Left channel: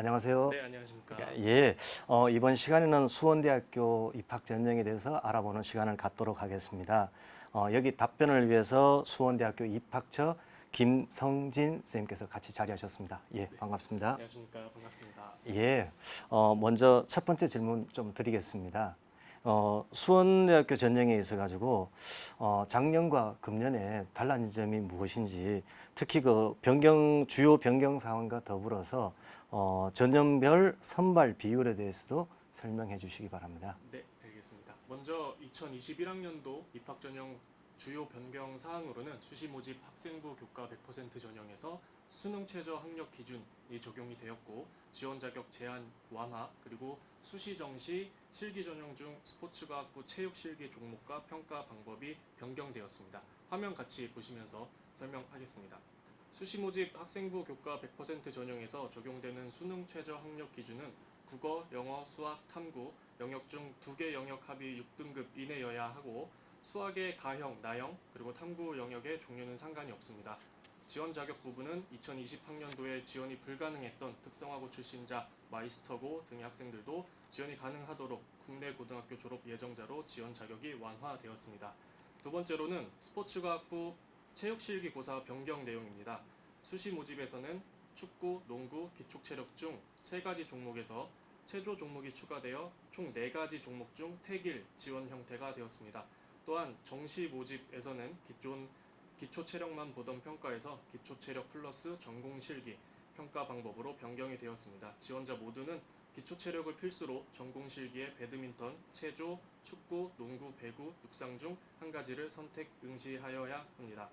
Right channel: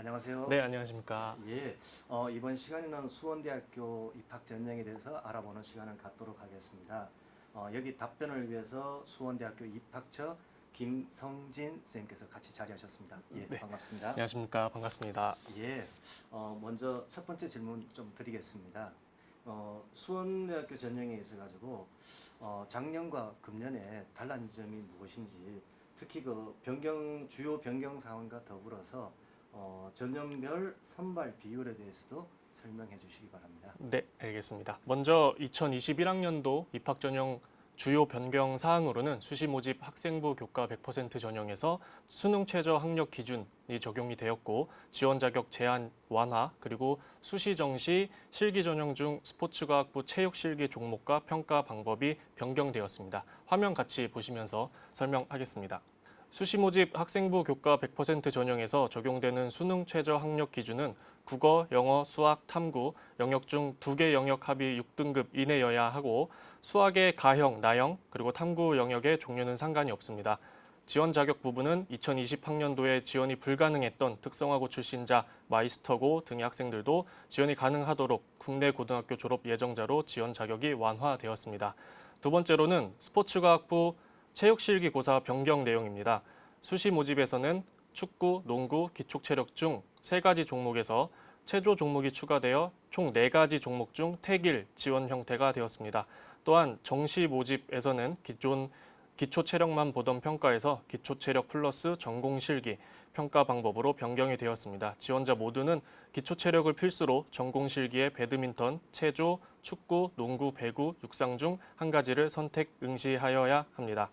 안녕하세요. 네, 안녕하십니까. 예, 이번 시간에는 수원대학교 입학 전형에 대해서 알아보는 시간을 갖도록 하겠습니다. 여기 답변을 위해서 수원대학교 입학처 김성진 선생님께서 같이 자리하셨습니다. 예, 네. 반갑습니다. 안녕하십니까. 반갑습니다. 예, 먼저 첫 번째 질문 좀 드리겠습니다. 수원대학교 전형에 있어가지고 작년과 금년에 달라진 점이 무엇인지, 특히 그 주요 변경 사항과 더불어서 전형별 선발 비율에 대해서도 설명해 주시기 바랍니다. 네, 알겠습니다. 먼저 2021학년도 입학 전형 주요 변경 사항으로는 수시 모집 학생부 교과 100% 전형에서 수능 최저 학력 기준이 적용이 되었고, 지원 자격 제한 완화, 그리고 수시 정시 실기 전형 중 스포츠과학부 체육 실기 종목과 평가 방법이 변경되었습니다. 화면 같이 보시면서 설명하겠습니다. 수시 모집 학생부 교과 100% 전형에서 적용되는 수능 최저 학력 기준은 국어, 영어, 수학, 탐구 영역 중 2개 영역 합이 6등급 이내여야 하고, 수학의 가형, 나형, 그리고 탐구 영역의 종류는 상관이 없습니다. 지원 자격 부분은 2020학년도에 지원이 불가능했던 특성화고 출신자, 마이스터고 등의 학생들도 지원이 가능하도록 국내 고등학교 졸업 예정자로 지원 자격이 완화되었습니다. 두 번째로는 스포츠과학부 체육실기고사 변경 내용입니다. 수시 모집에서는 축구, 농구, 기초체력 중 3가지 종목에서 체조 종목이 추가되어 총 4가지 종목 중 택일 지원 형태가 되었습니다. 또한 정시 모집에서는 기초 체력만 보던 평가에서 기초 체력 플러스 전공 실기 평가 방법으로 변경이 되었습니다. 지원자 모두는 기초 체력을 필수로 전공 실기에 배드민턴, 체조, 축구, 농구, 배구, 육상 중 한 가지를 선택 응시하여야 합니다.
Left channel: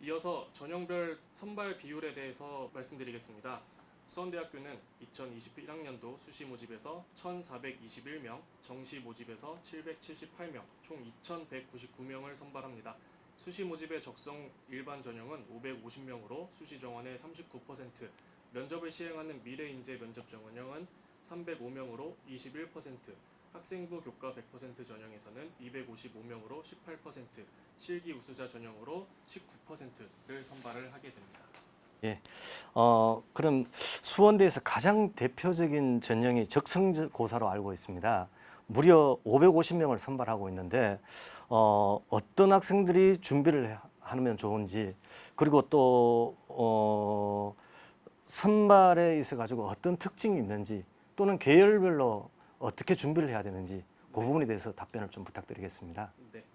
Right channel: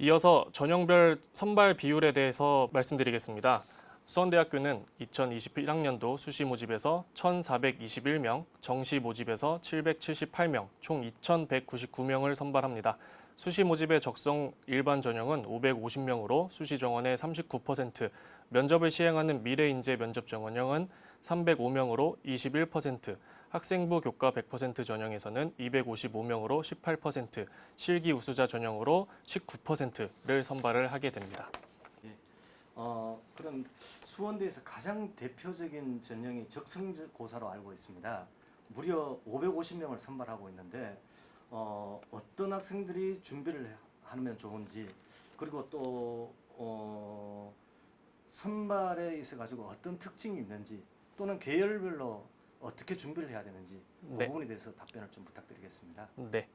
이어서 전형별 선발 비율에 대해서 말씀드리겠습니다. 수원대학교는 2021학년도 수시 모집에서 1,421명, 정시 모집에서 778명, 총 2,199명을 선발합니다. 수시 모집의 적성 일반 전형은 550명으로 수시 정원의 39%, 면접을 시행하는 미래인재 면접 전형은 305명으로 21%, 학생부 교과 100% 전형에서는 255명으로 18%, 실기 우수자 전형으로 19%를 선발을 하게 됩니다. 예, 그럼 수원대에서 가장 대표적인 전형이 적성고사로 알고 있습니다. 무려 550명을 선발하고 있는데 어떤 학생들이 준비를 하면 좋은지, 그리고 또 선발에 있어 가지고 어떤 특징이 있는지, 또는 계열별로 어떻게 준비를 해야 되는지 그 네. 부분에 대해서 답변을 좀 부탁드리겠습니다. 네.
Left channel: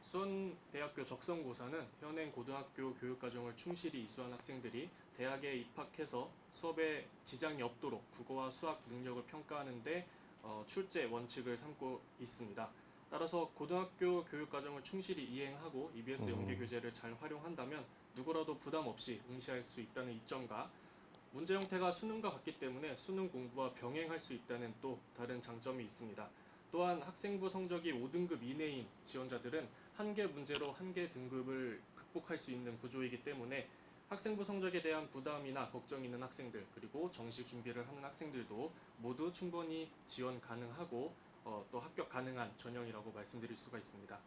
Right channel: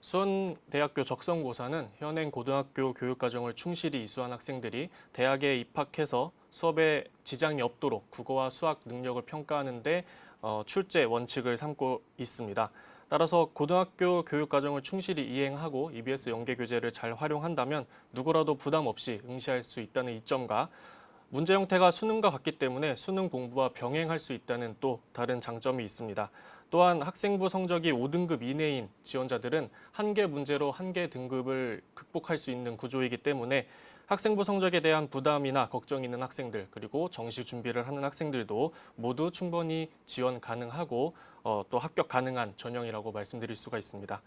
수원대학교 적성고사는 현행 고등학교 교육과정을 충실히 이수한 학생들이 대학에 입학해서 수업에 지장이 없도록 국어와 수학 능력을 평가하는 데 출제 원칙을 삼고 있습니다. 따라서 고등학교 교육과정을 충실히 이행하고 EBS 연계교재를 잘 활용한다면 누구라도 부담 없이 응시할 수 있다는 이점과, 문제 형태가 수능과 같기 때문에 수능 공부와 병행할 수 있다는 또 다른 장점이 있습니다. 또한 학생부 성적이 5등급 이내인 지원자들은 한 개 문제로 한 개 등급을 극복할 수 있는 구조이기 때문에 학생부 성적에 대한 부담이나 걱정이 있는 학생들, 그리고 정시 준비를 하는 학생들도 모두 충분히 지원 가능하고 또 합격 가능한 전형이라고 말씀드릴 수가 있습니다.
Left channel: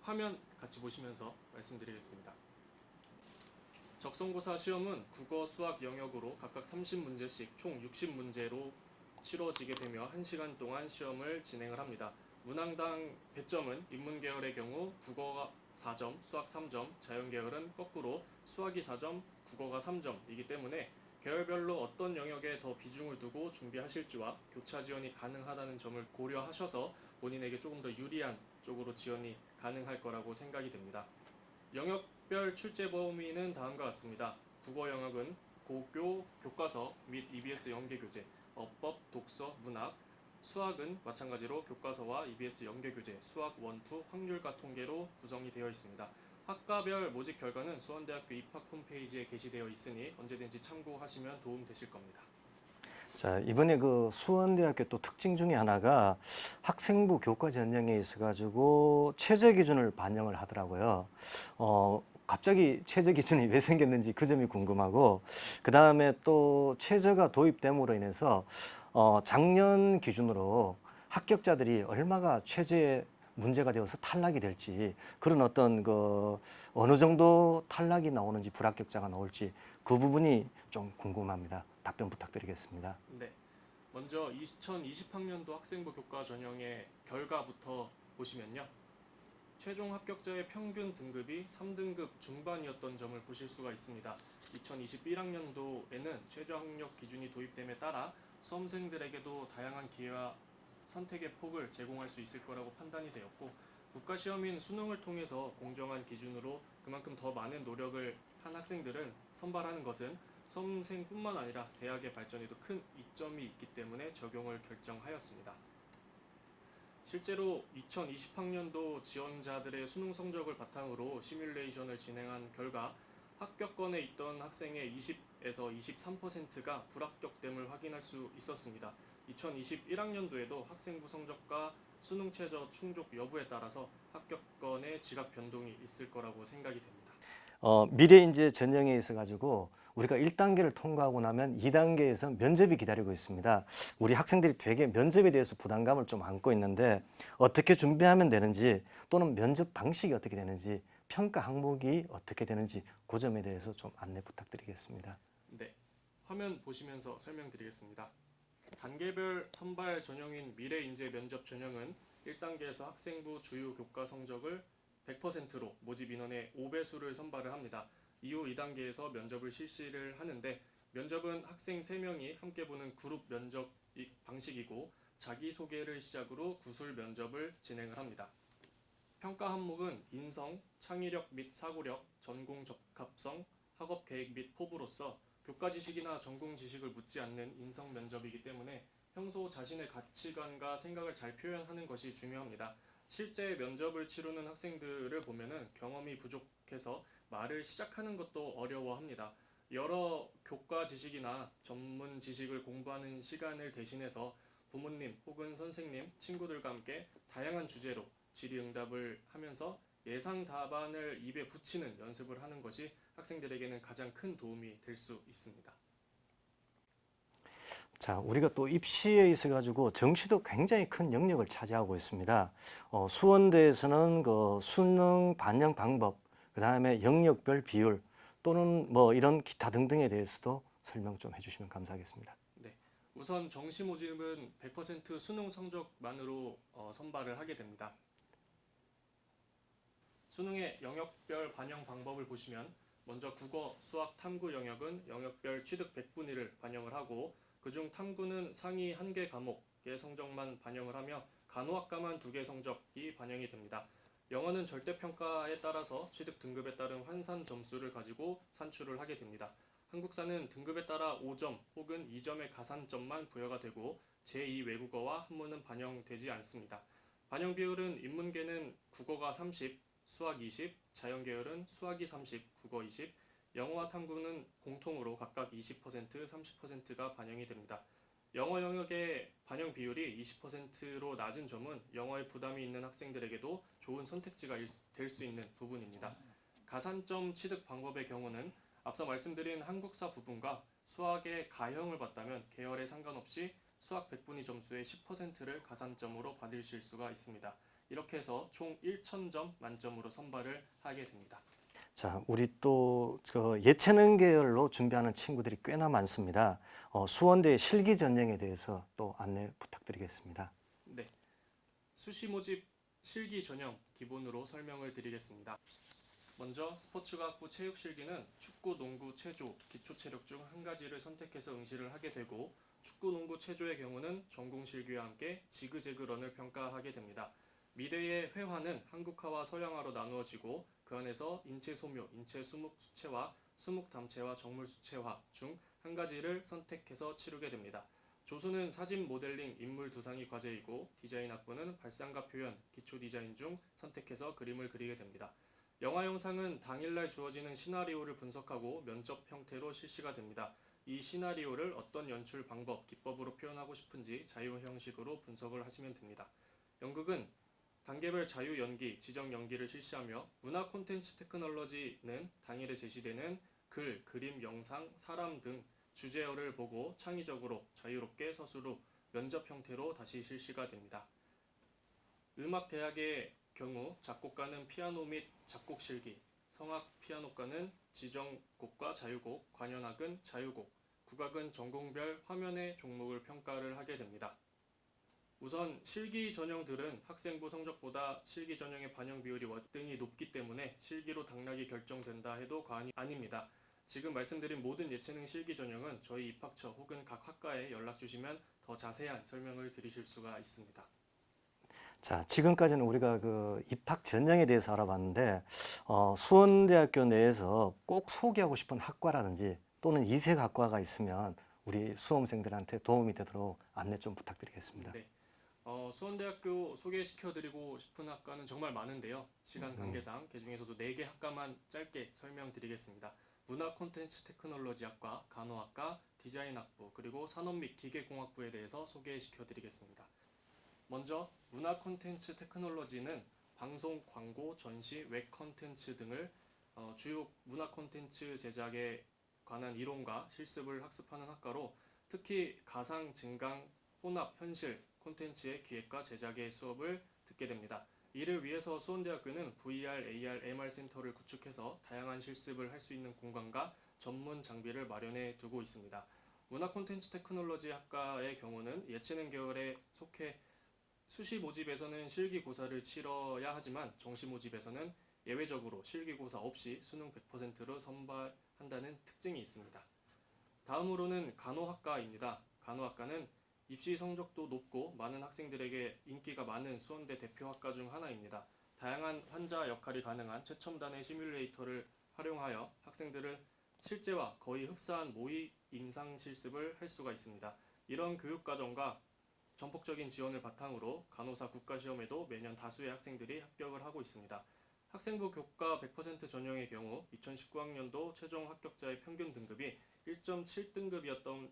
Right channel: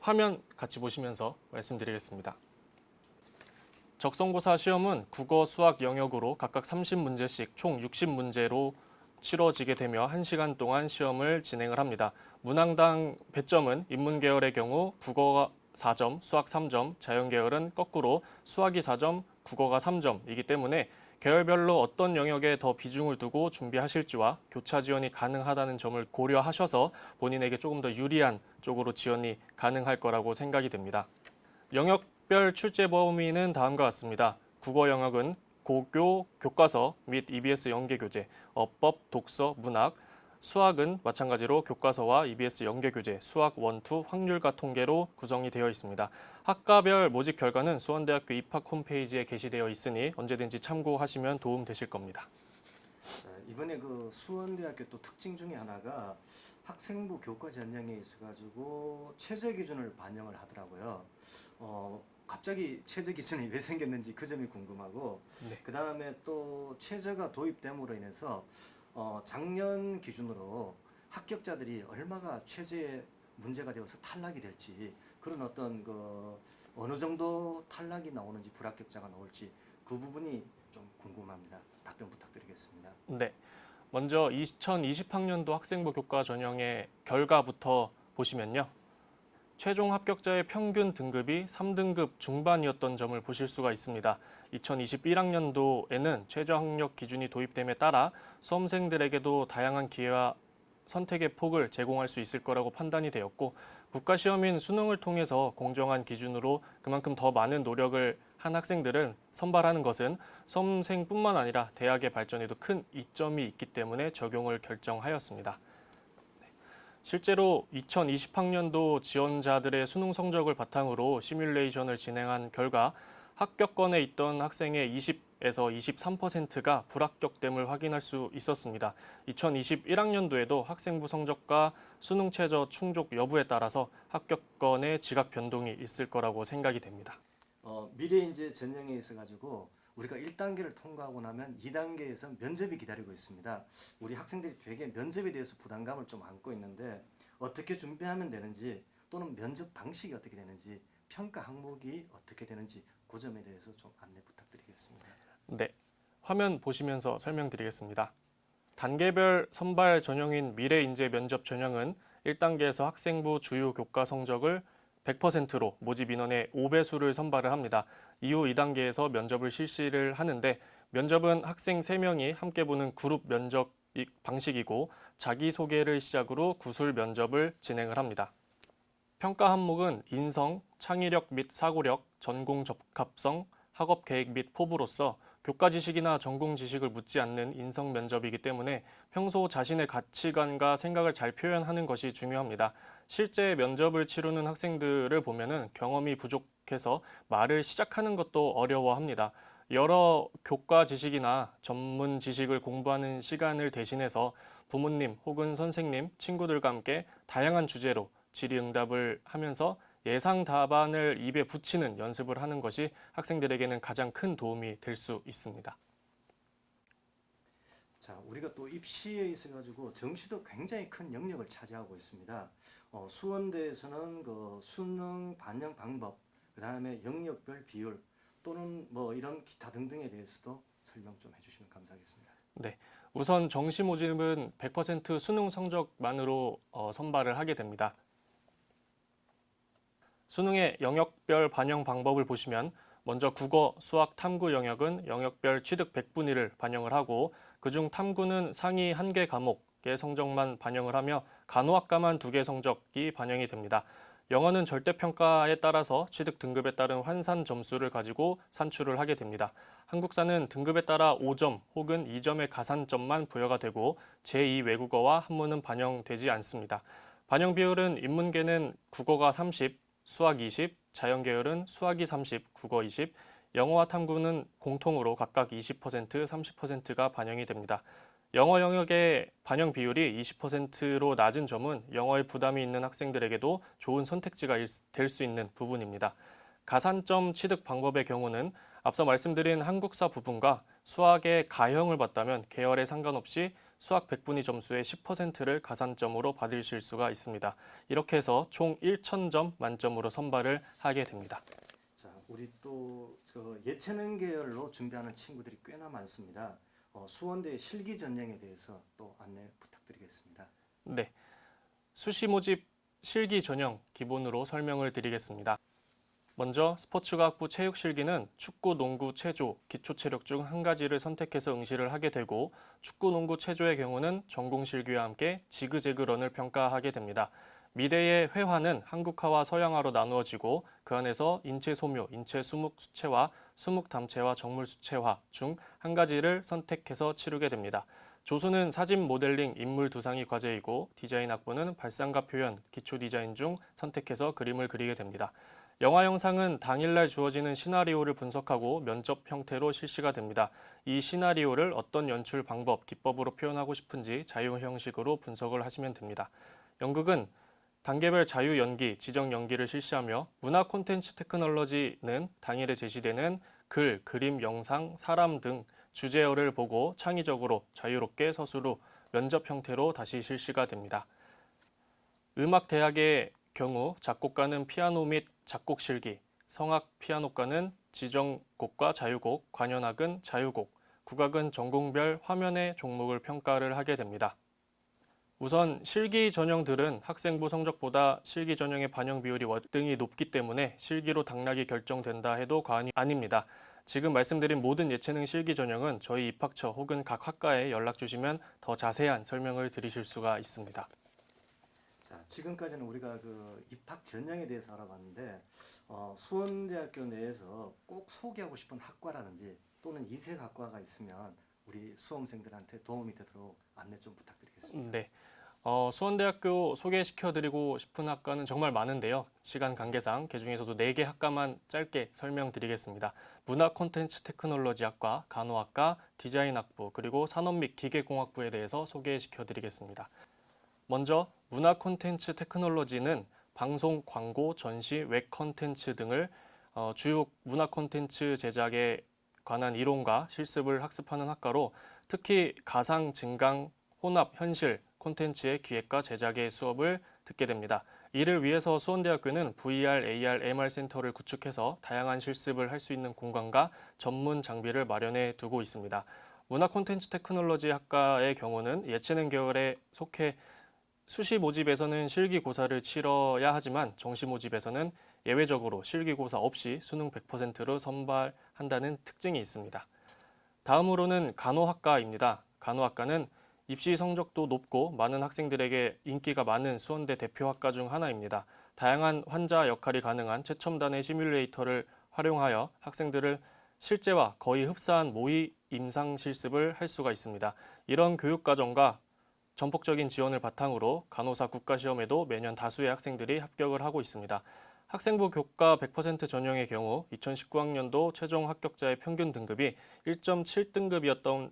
화면 같이 보시면서 말씀드리겠습니다. 적성고사 시험은 국어, 수학 영역으로 각각 30문제씩 총 60문제로 치러지게 되며 1시간 동안 시험을 진행을 합니다. 문항당 배점은 인문계열의 경우 국어가 4점, 수학 3점, 자연계열은 거꾸로 수학이 4점, 국어가 3점이기 때문에 계열별로 어떤 영역에 더 비중을 두고 준비하실지와 교차 지원이 가능하다는 점을 고려하셔서 본인에게 조금 더 유리한 쪽으로 지원이 가능할 거라고 생각이 됩니다. 영역별 출제 범위는 다음과 같습니다. 국어 영역은 고교 교과서 및 EBS 연계교재, 어법, 독서, 문학, 수학은 마찬가지로 교과서와 EBS 연계교재, 수학 1, 2, 확률과 통계로 구성이 되어 있습니다. 학과별 모집 결과는 수원대학교 입학 홈페이지에 게시되어 있으니 언제든지 참고하시면 도움 되실 겁니다. 자, 이번에 그 수원대학교 또 특징 중에 하나가 학생부 교과 전형에 있어가지고 최저 기준을 반영을 하더라고요. 갑자기 최저 기준이 왜 생겼는지 그 점이 궁금하고, 그 다음에 또 최저가 도입됨으로 인해서 작년 기준으로 합격자들이 얼마가 최저의 문제가 되어서 탈락이 될지, 그런 어떤 어느 정도 탈락이 나오는지, 불합격자가 나올지 그 부분이 좀 궁금합니다. 답변 부탁드리겠습니다. 네. 먼저 2020학년도 학생부 교과 전형의 결과부터 보시면요. 최종 합격자의 평균 등급이 3등급 중반이었던 점을 보실 수가 있습니다. 2021학년도에는 최저 학력 기준이 도입됨에 따라 수험생들에게도 다양한 기회와 선택의 폭을 제공할 수 있을 거라고 판단이 되었고, 국가시험인 수능을 통해서 공정한 기준으로 그만큼 더 많은 노력을 한 학생들을 선발하는 것은 수험생뿐만 아니라 대학의 발전에도 큰 이점이 있기 때문에 적용을 결정하였습니다. 실제로 2020학년도 지원자들의 수능 성적을 바탕으로 시뮬레이션을 진행한 결과 합격권에 있던 학생의 20에서 23%가 불합격됨을 확인할 수 있었습니다. 2021학년도에도 학생부 성적과 수능 최저 충족 여부에 따라서 합격권의 지각 변동이 있을 거라고 생각이 됩니다. 미래 인재 전형에 있어 가지고 우리가 1단계를 통과하고 나면 2단계에서 면접이 기다리고 있습니다. 우리 학생들이 되게 면접에 대해서 부담감을 좀 안고 있는데 어떻게 준비하면 되는지 또는 면접 방식이 어떻게 되는지 평가 항목이 어떻게 되는지 그 점에 대해서 좀 안내 부탁드리겠습니다. 네, 화면 보시면서 설명드리겠습니다. 단계별 선발 전형인 미래인재 면접 전형은 1단계에서 학생부 주요 교과 성적을 100%로 모집 인원의 5배수를 선발을 합니다. 이후 2단계에서 면접을 실시를 하는데, 면접은 학생 3명이 함께 보는 그룹 면접 방식이고 자기소개를 시작으로 구술 면접을 진행을 합니다. 평가 항목은 인성, 창의력 및 사고력, 전공 적합성, 학업 계획 및 포부로서 교과 지식이나 전공 지식을 묻지 않는 인성 면접이기 때문에 평소 자신의 가치관과 생각을 잘 표현하는 것이 중요합니다. 실제 면접을 치르는 학생들을 보면은 경험이 부족해서 말을 시작하는 것도 어려워합니다. 여러 교과 지식이나 전문 지식을 공부하는 시간을 대신해서 부모님 혹은 선생님, 친구들과 함께 다양한 주제로 질의응답을 하면서 예상 답안을 입에 붙이는 연습을 하는 것이 학생들에게는 가장 큰 도움이 될 수 있습니다. 자, 우리가 또 입시에 있어 가지고 정시도 굉장히 큰 영역을 차지하고 있습니다. 수원대에서는 그 수능 반영 방법, 그다음에 영역별 비율 또는 뭐 이런 기타 등등에 대해서도 설명 좀 해주시면 감사하겠습니다. 네, 우선 정시 모집은 100% 수능 성적만으로 선발을 하게 됩니다. 수능의 영역별 반영 방법을 보시면 먼저 국어, 수학, 탐구 영역은 영역별 취득 100분위를 반영을 하고, 그중 탐구는 상위 1개 과목의 성적만 반영을 하며 간호학과만 2개 성적이 반영이 됩니다. 영어는 절대평가에 따라서 취득 등급에 따른 환산 점수를 가지고 산출을 하게 됩니다. 한국사는 등급에 따라 5점 혹은 2점의 가산점만 부여가 되고 제2 외국어와 한문은 반영되지 않습니다. 반영 비율은 인문계는 국어가 30, 수학 20, 자연계열은 수학이 30, 국어 20, 영어와 탐구는 공통으로 각각 20%, 30%가 반영이 됩니다. 영어 영역의 반영 비율이 20%로 낮은 점은 영어에 부담이 있는 학생들에게도 좋은 선택지가 될 수 있는 부분입니다. 가산점 취득 방법의 경우는 앞서 말씀드린 한국사 부분과 수학의 가형을 봤다면 계열에 상관없이 수학 100분위 점수의 10%를 가산점으로 받으실 수가 있습니다. 이렇게 해서 총 1,000점 만점으로 선발을 하게 됩니다. 자, 우리 또 예체능 계열로 준비하는 친구들이 꽤나 많습니다. 수원대 실기 전형에 대해서 또 안내 부탁드리겠습니다. 네, 수시 모집 실기 전형 기본으로 설명을 드리겠습니다. 먼저 스포츠과학부 체육실기는 축구, 농구, 체조, 기초체력 중 한 가지를 선택해서 응시를 하게 되고, 축구, 농구, 체조의 경우는 전공실기와 함께 지그재그런을 평가하게 됩니다. 미래의 회화는 한국화와 서양화로 나누어지고 그 안에서 인체 소묘, 인체 수묵 수체화, 수묵 담체화, 정물 수체화 중 한 가지를 선택해서 치르게 됩니다. 조수는 사진 모델링, 인물 두상이 과제이고 디자인 학부는 발상과 표현, 기초 디자인 중 선택해서 그림을 그리게 됩니다. 영화 영상은 당일날 주어지는 시나리오를 분석하고 면접 형태로 실시가 됩니다. 이 시나리오를 어떤 연출 방법, 기법으로 표현하고 싶은지 자유 형식으로 분석을 하시면 됩니다. 연극은 단계별 자유 연기, 지정 연기를 실시하며 문화 콘텐츠 테크놀로지는 당일에 제시되는 글, 그림, 영상, 사람 등 주제어를 보고 창의적으로 자유롭게 서술후 면접 형태로 다시 실시가 됩니다. 음악대학의 경우 작곡가는 피아노 및 작곡 실기, 성악 피아노과는 지정곡과 자유곡, 관현악은 자유곡, 국악은 전공별 화면의 종목을 평가를 하게 됩니다. 우선 실기 전형들은 학생부 성적보다 실기 전형의 반영 비율이 월등히 높기 때문에 실기로 당락이 결정된다 해도 과언이 아닙니다. 지금 말씀드린 모든 예체능 실기 전형은 저희 입학처 혹은 각 학과에 연락 주시면 더 자세한 설명을 드리실 수가 있습니다. 자, 지금까지는 우리가 그 입학 전형에 대해서 알아봤는데 수원대학교 내에서 꼭 소개하고 싶은 학과라든지 또는 이색 학과가 있으면 우리 수험생들한테 도움이 되도록 안내 좀 부탁드리겠습니다. 네. 수원대학교 소개시켜드리고 싶은 학과는 정말 많은데요. 시간 관계상 그중에서도 4개 학과만 짧게 설명드리겠습니다. 문화 콘텐츠 테크놀로지학과, 간호학과, 디자인학부, 그리고 산업 및 기계공학부에 대해서 소개시켜드리겠습니다. 먼저 문화 콘텐츠 테크놀로지는 방송, 광고, 전시, 웹 콘텐츠 등을 주요 문화 콘텐츠 제작에 관한 이론과 실습을 학습하는 학과로 특히 가상, 증강, 혼합, 현실 콘텐츠의 기획과 제작의 수업을 듣게 됩니다. 이를 위해서 수원대학교는 VR, AR, MR 센터를 구축해서 다양한 실습을 할 수 있는 공간과 전문 장비를 마련해 두고 있습니다. 문화 콘텐츠 테크놀로지 학과의 경우는 예체능 계열에 속해 수시 모집에서는 실기고사를 치러야 하지만 정시 모집에서는 예외적으로 실기고사 없이 수능 100%로 선발한다는 특징이 있습니다. 다음으로는 간호학과입니다. 간호학과는 입시 성적도 높고 많은 학생들에게 인기가 많은 수원대 대표학과 중 하나입니다. 다양한 환자 역할이 가능한 최첨단의 시뮬레이터를 활용하여 학생들을 실제와 거의 흡사한 모의 임상 실습을 할 수가 있습니다. 이런 교육과정과 전폭적인 지원을 바탕으로 간호사 국가시험에도 매년 다수의 학생들이 합격을 하고 있습니다. 학생부 교과 100% 전형의 경우 2019학년도 최종 합격자의 평균 등급이 1.7등급이었던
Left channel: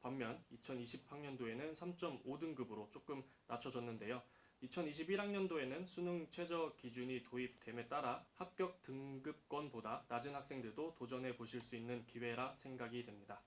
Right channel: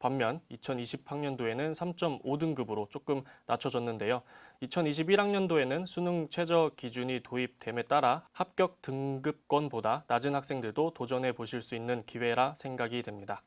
반면 2020학년도에는 3.5등급으로 조금 낮춰졌는데요. 2021학년도에는 수능 최저 기준이 도입됨에 따라 합격 등급권보다 낮은 학생들도 도전해 보실 수 있는 기회라 생각이 됩니다.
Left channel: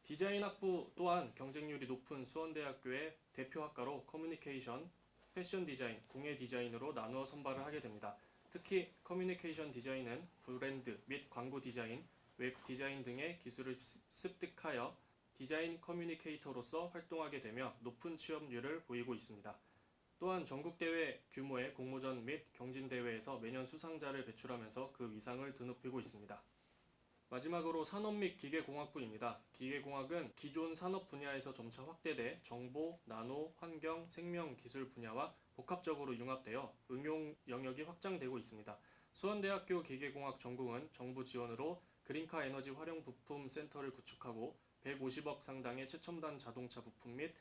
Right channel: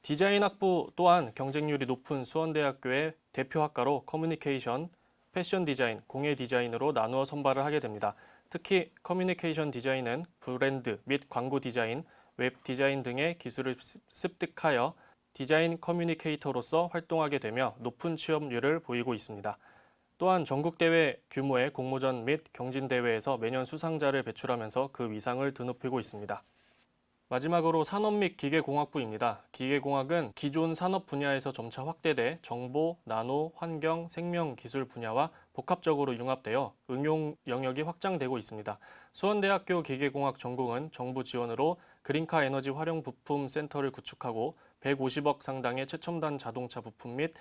디자인학부 또한 경쟁률이 높은 수원대학교의 대표학과로 커뮤니케이션, 패션 디자인, 공예 디자인으로 나누어 선발을 하게 됩니다. 특히 커뮤니케이션 디자인은 브랜드 및 광고 디자인, 웹 디자인 등의 기술을 습득하여 디자인 커뮤니케이터로서 활동하게 되며 높은 취업률을 보이고 있습니다. 또한 전국대회 규모의 공모전 및 경진대회에서 매년 수상자를 배출하면서 그 위상을 드높이고 있습니다. 마지막으로 산업 및 기계공학부입니다. 기계공학은 기존 산업 분야에서 점차 확대돼 정보, 나노, 환경, 생명 기술 분야와 복합적으로 융합되어 응용 영역이 확장되고 있습니다. 수원대학교 기계공학 전공은 정부 지원으로 그린카 에너지 활용 부품 센터를 구축하고 150억 상당의 최첨단 자동차 부품 및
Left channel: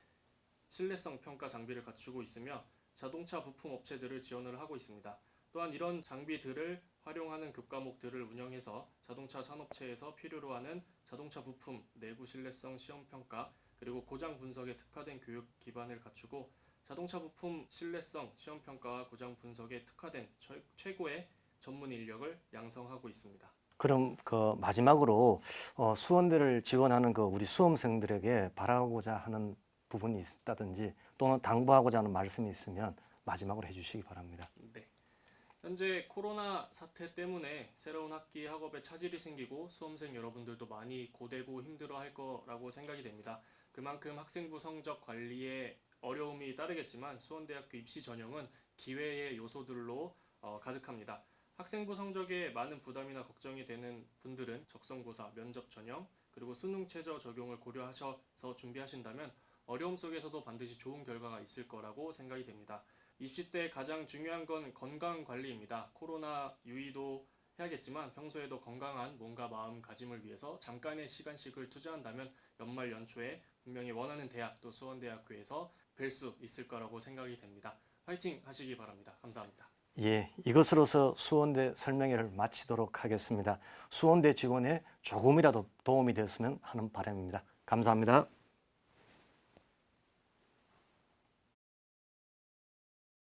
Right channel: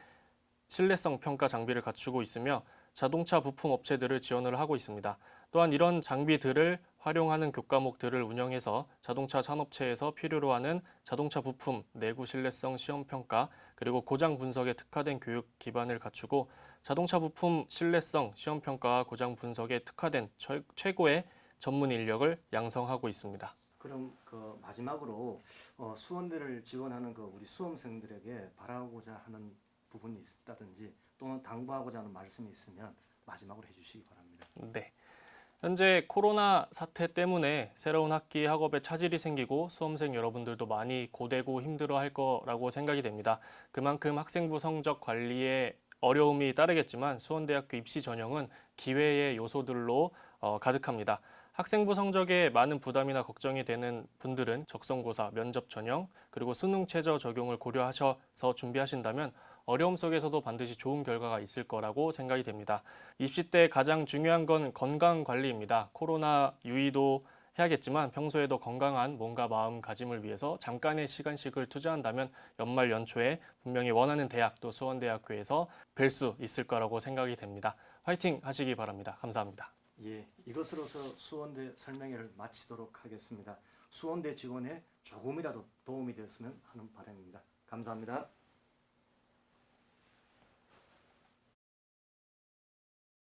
신뢰성 평가 장비를 갖추고 있으며 자동차 부품 업체들을 지원을 하고 있습니다. 또한 이런 장비들을 활용하는 교과목들을 운영해서 자동차 산업체에서 필요로 하는 자동차 부품 내구 신뢰성 시험 평가 그리고 고장 분석에 특화된 교육 기반을 갖추고 자동차 부품 신뢰성 시험 평가와 고장 분석에 특화된 최고의 전문 인력을 양성하고 있습니다. 그럼 그 마지막으로 수원대를 지원하는 그 우리 수험생들에게 바라고자 하는 부분이 있다든지 또는 당부하고자 하는 말씀이 있으면 마지막으로 해주시기 바랍니다. 네. 현재 코로나 사태 때문에 새로운 학기 학업에 차질이 생기고 수험생 여러분들도 많이 고되고 힘들어할 거라고 생각이 됩니다. 그만큼 학생부 성적 관리에 어려움이 따르겠지만 수원대학교 입시 전형은 기회의 요소들로 가득합니다. 학생부 성적에 많은 부담이나 걱정이 되는 분들은 적성고사, 면접 전형, 그리고 수능 최저 적용을 고려하셔서 준비하신다면 어려움 속에서도 반드시 좋은 결과가 있을 거라고 생각이 됩니다. 입시 때 가장 중요한 건 건강 관리입니다. 코로나 유의도 해야겠지만 평소에도 건강한 몸과 마음가짐을 위해서 잠깐의 시간씩을 투자한다면 연말 연초에 분명히 원하는 대학 또 수원대학교에서 뵐 수 있을 거라고 생각이 됩니다. 화이팅 하시기 바랍니다. 감사합니다. 예, 이것으로서 수원대 설명회를 마치도록 하겠습니다. 수원대 지원에 조금이라도 도움이 되었으면 하는 바람입니다. 감사합니다.